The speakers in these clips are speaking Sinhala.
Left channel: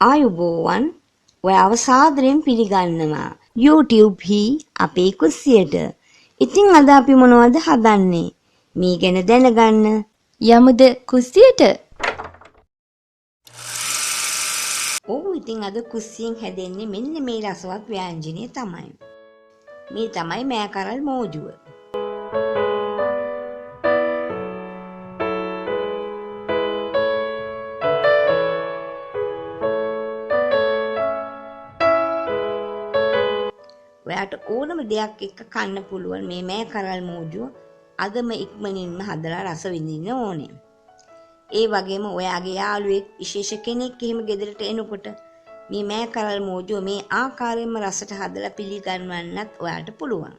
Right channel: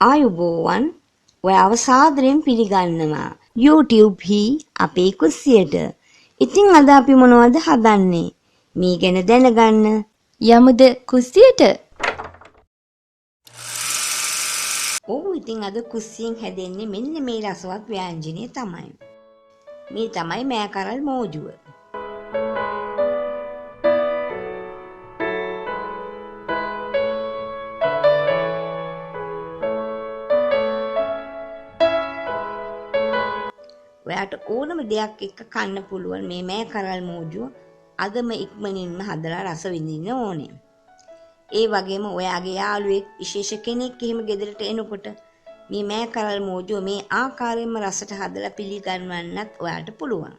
ආයුබෝවන් ඔයාව සාදරයෙන් පිළිගන්නවා YouTube හි අපේ කුස්සියට. ඉතින් අද අපි මොනවද හදන්නේ? මේ ගැන දැනගන්න යමුද කුස්සියට? ඔව් ඉතින් අද කුස්සියෙන් හැදෙන්නේ මෙන්න මේ රසවත් ව්‍යංජනය තමයි. මේ තමයි මෑකරල් මෝජුව. ඔයාට ඕනම දෙයක් එක්ක කන්න පුළුවන් මේ මෑකරල් මෝජුව අදම ඉක්මනින්ම හදලා රස විඳින්න ඕනේ. ඒ වගේම ඔයාගේ යාළුවෙක් විශේෂ කෙනෙක් එහෙම ගෙදරට එනකොට මේ මෑකරල් මෝජුව මේ ආකාරයෙන්ම රසට හදලා පිළිගන්වන්නත් ඔයාට පුළුවන්.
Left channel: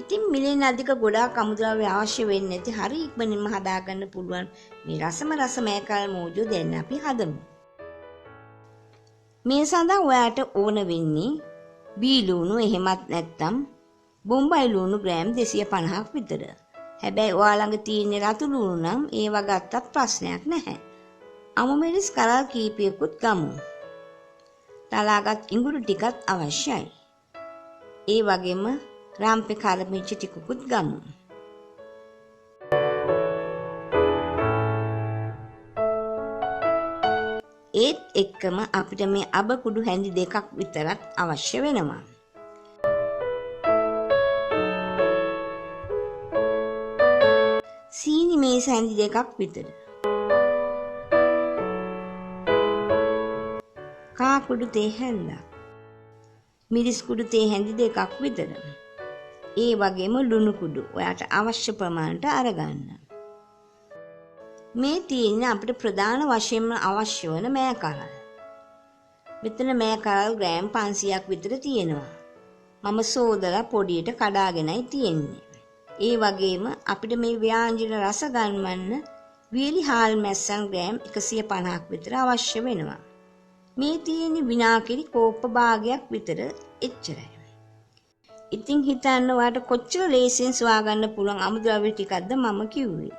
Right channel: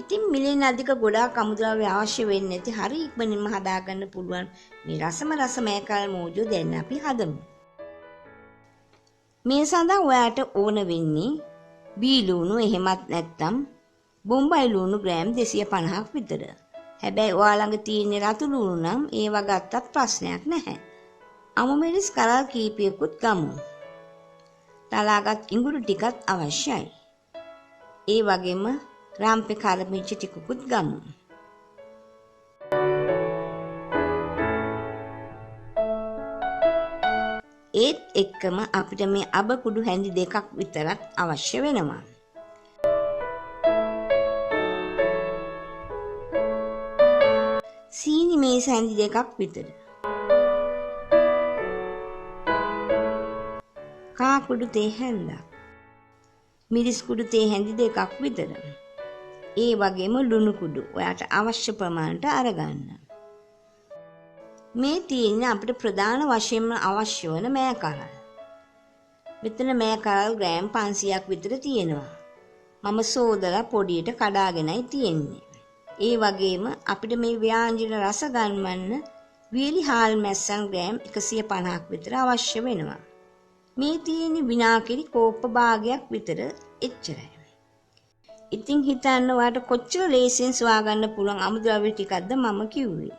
ඉතින් මිලෙන් අධික ගොඩාක් අමුද්‍රව්‍ය අවශ්‍ය වෙන්නේ නැති හරි ඉක්මනින්ම හදාගන්න පුළුවන් මේ රස මෑකරල් මෝජුව දැන් අපි හදමු. මේ සඳහා ඔයාට ඕන වෙන්නේ බී ලුණු එහෙමත් නැත්නම් බොම්බයි ලුණු ග්‍රෑම් 250ක් විතර. හැබැයි ඔයා ළඟ තියෙන රතු ලුණු නම් ඒවා ගත්තත් ප්‍රශ්නයක් නැහැ. අමු මිරිස් කරල් කීපයකුත් ගමු. තලාගත් ඉඟුරු ටිකත් අවශ්‍යයි. ඒ වගේම රාම්පේ කරමිච්ච ටිකකුත් ගමු. ඒත් එක්කම අපිට මේ අබ කුඩු හැඳි දෙකක් විතරත් අවශ්‍ය වෙනවා. සීනි මේස හැඳි දෙකක් විතර. කා කුඩු තේ හැන්දක්. මිරිස් කුඩු තේ හැඳි දෙකක් විතර. ඒ වගේම ලුණු කුඩු ඔයාට අවශ්‍ය ප්‍රමාණයට අරගන්න. මේ තියෙන්නේ අපිට ප්‍රධාන වශයෙන්ම අවශ්‍ය වන මෑකරල්. මෙතන මෑකරල් ග්‍රෑම් 500ක් විතර තියෙනවා. මම සෝදලා පොඩියට කඩාගෙනයි තියෙන්නේ. ඒ වගේම අපිට මේ ව්‍යංජන රස ගන්වන්න වියලි හාල් මැස්සන් ග්‍රෑම් 150ක් විතර අවශ්‍ය වෙනවා. මේ තියෙන්නේ විනාකිරි කෝප්ප භාගයක් විතර එච්චරයි. ඉතින් හිතන්න ඔයාට කොච්චර ලේසියෙන් සොයා ගන්න පුළුවන් අමුද්‍රව්‍ය ටිකක්ද මම කිව්වේ.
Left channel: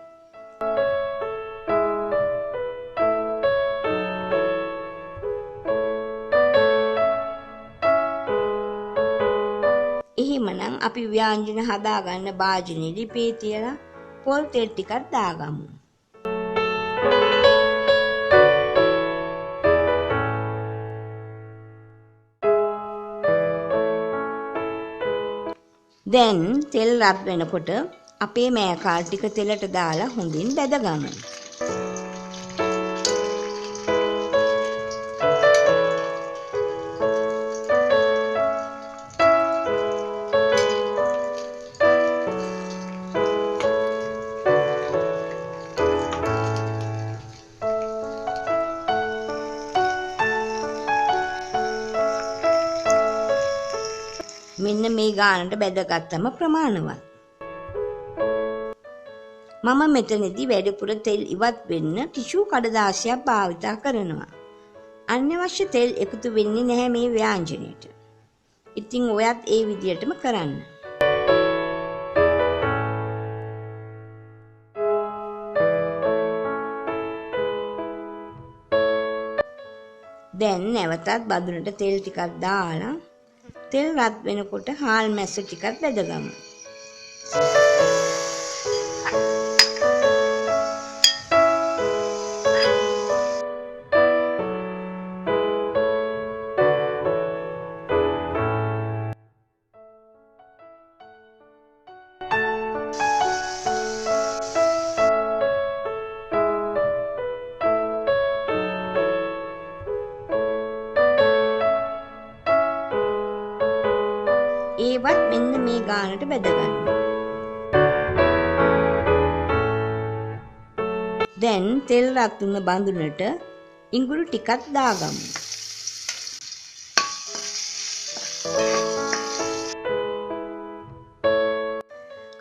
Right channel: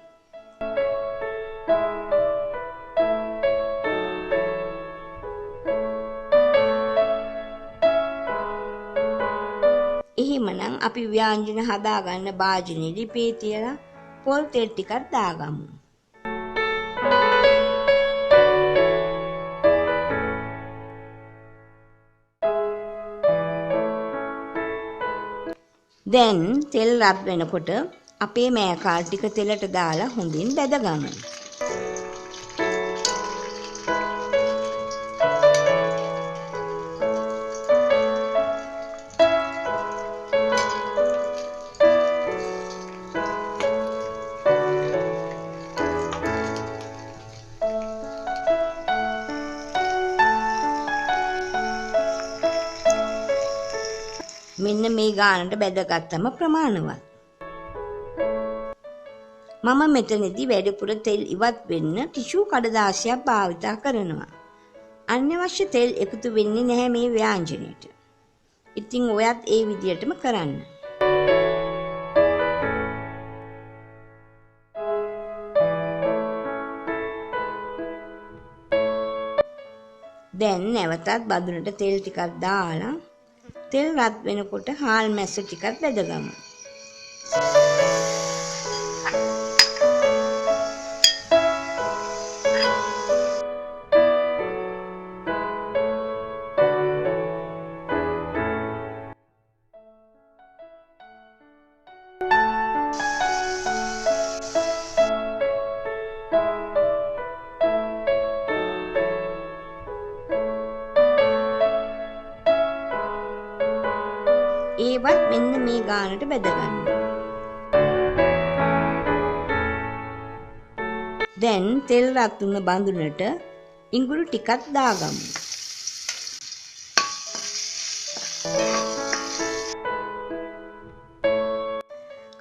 එහෙමනම් අපි ව්‍යංජන හදාගන්න භාජනයේ ලිපේ තියලා පොල් තෙල් ටිකක් දාගමු. දැන් තෙල් රත් වෙනකොට අපේ මෑකරල් ටික තෙලට දාලා හොඳින් බැදගමු. මෙන්න මේ ගානට බැදගත්තම ප්‍රමාණවත්. මම මෙතනදී වැඩිපුර තෙල් ඉවත් වෙන්න ටිෂු කඩදාසියක් භාවිත කරනවා. අනවශ්‍ය තෙල් එකතු වෙන්නේ නැහැ මේ ව්‍යංජනයට. ඉතින් ඔයත් ඒ විදිහටම කරන්න. දැන් නැවතත් බඳුනට තෙල් ටිකක් දාලා තෙල් රත් වෙනකොට හාල් මැස්ස ටිකක් බැදගමු. ඒවත් මෙන්න මේ ගානට බැදගන්න. දැන් තෙල් රත් වුණ බඳුනට ඉඟුරු ටිකක් දාගමු.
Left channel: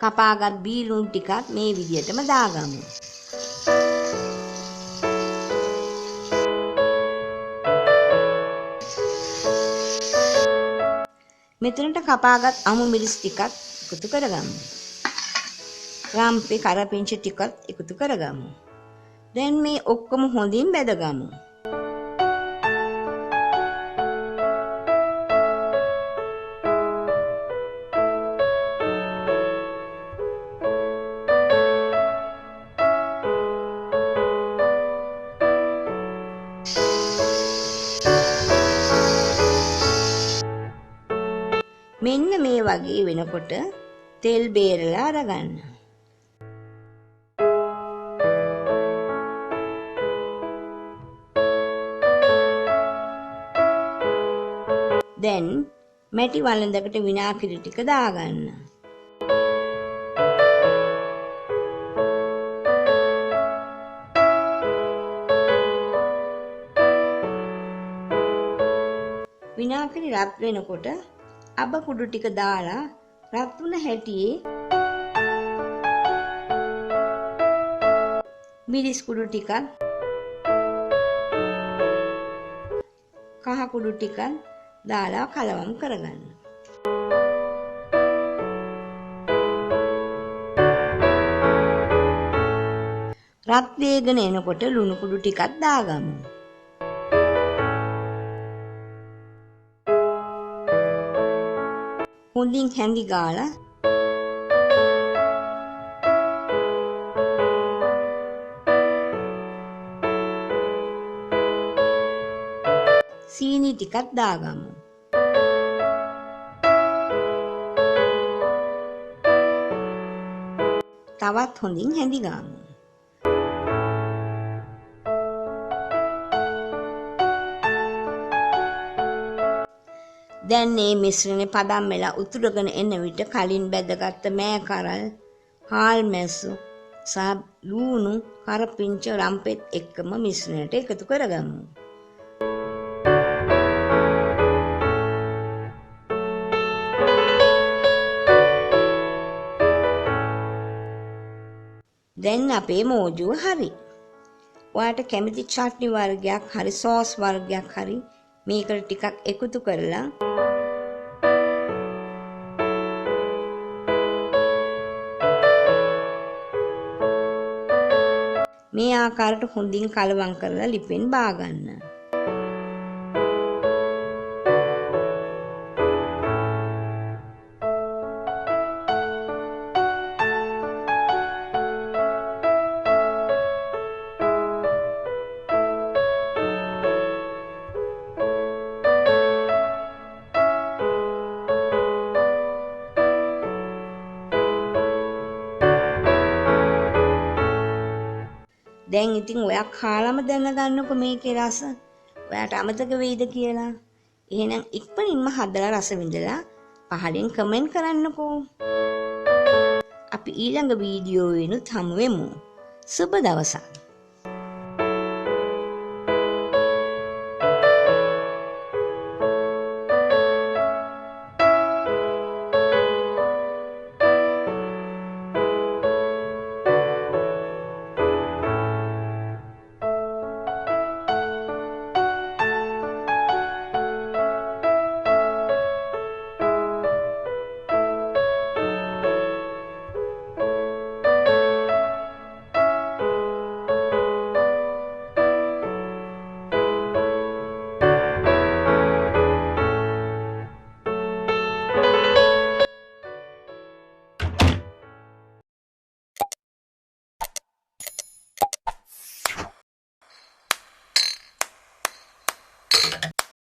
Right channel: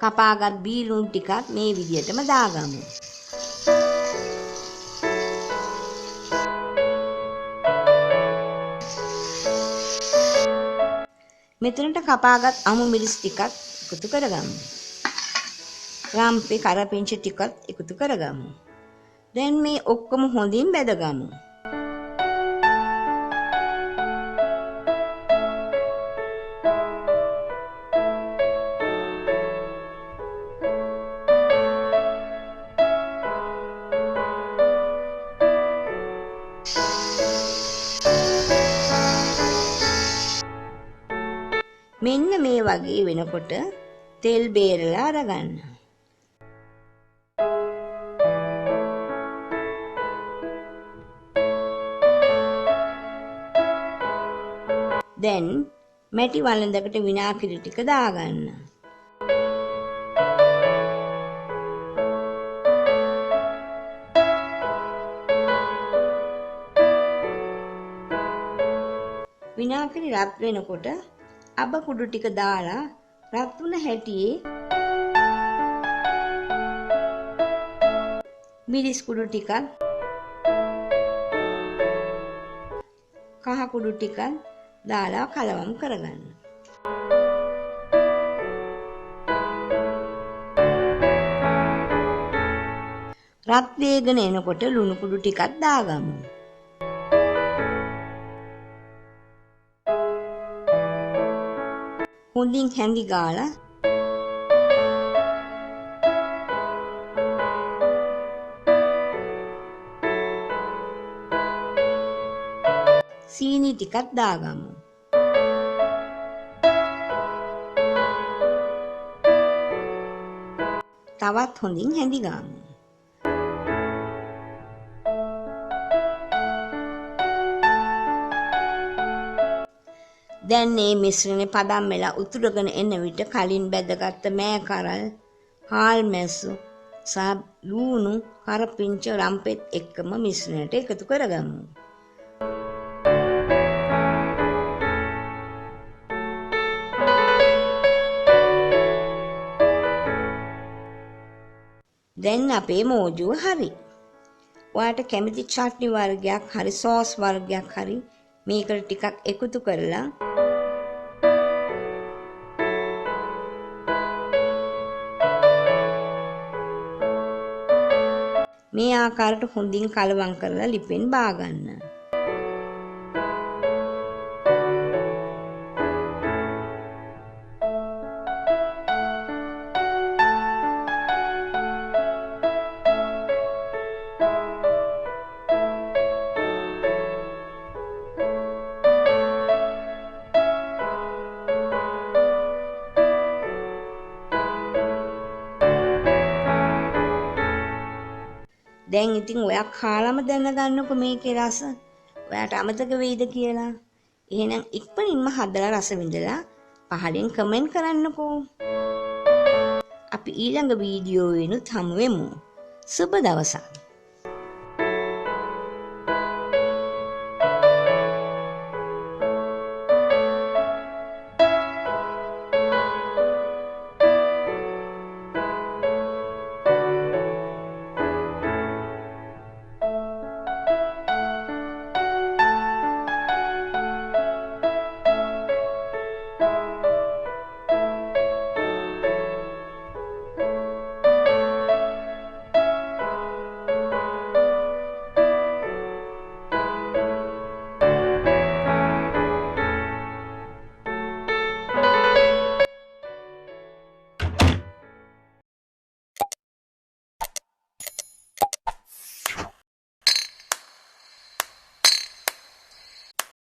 කපාගත් බී ලුණු ටිකක් මේ විදිහටම දාගමු. මෙතනට කපාගත් අමු මිරිස් ටිකක් එකතු කරගමු. රම්පේ කරපිංචා ටිකත් එකතු කරගමු. දැන් මේ ඔක්කොම හොඳින් බැදගමු. මෙන්න මේ වගේ වෙනකොට තෙල් බේරලා අරගන්න. දැන් මැටි වළඳකට විනාගිරි ටික දාගන්න. විනාගිරි රත් වෙනකොට අබ කුඩු ටික දාලා රත් වුණ හැටියේ මිරිස් කුඩු ටිකක් කහ කුඩු ටිකක් දාලා කලවම් කරගන්න. රත් වේගන එනකොට ලුණු කුඩු ටිකක් දාගමු. හොඳින් හැඳි ගාලා සීනි ටිකක් දාගමු. තවත් හොඳින් හැඳි ගමු. දැන් මේ මිශ්‍රණය පදම් වෙලා උතුරගෙන එන විට කලින් බැදගත්ත මෑ කරල්, හාල් මැස්සු සහ ලූණු, කරපිංච රම්පෙත් එක්කම මිශ්‍රණයට එකතු කරගමු. දැන් අපේ මෝජුව හරි. ඔයාට කැමති චට්නි වර්ගයක් හරි සෝස් වර්ගයක් හරි මේකට ටිකක් එකතු කරලා මේ ආකාරයට හොඳින් කලවම් කරලා ලිපෙන් බාගන්න. දැන් ඉතින් ඔයා කාලම දැනගන්නකො මේකේ රස. ඔයාට අමතක වෙයිද කියලා. එහෙනම් ඉක්මනින්ම හදලා රස විඳලා පහලින් කමෙන්ට් කරන්නකෝ. අපි ඊළඟ වීඩියෝවෙනුත් හමු වෙමු. සුබ දවසක්.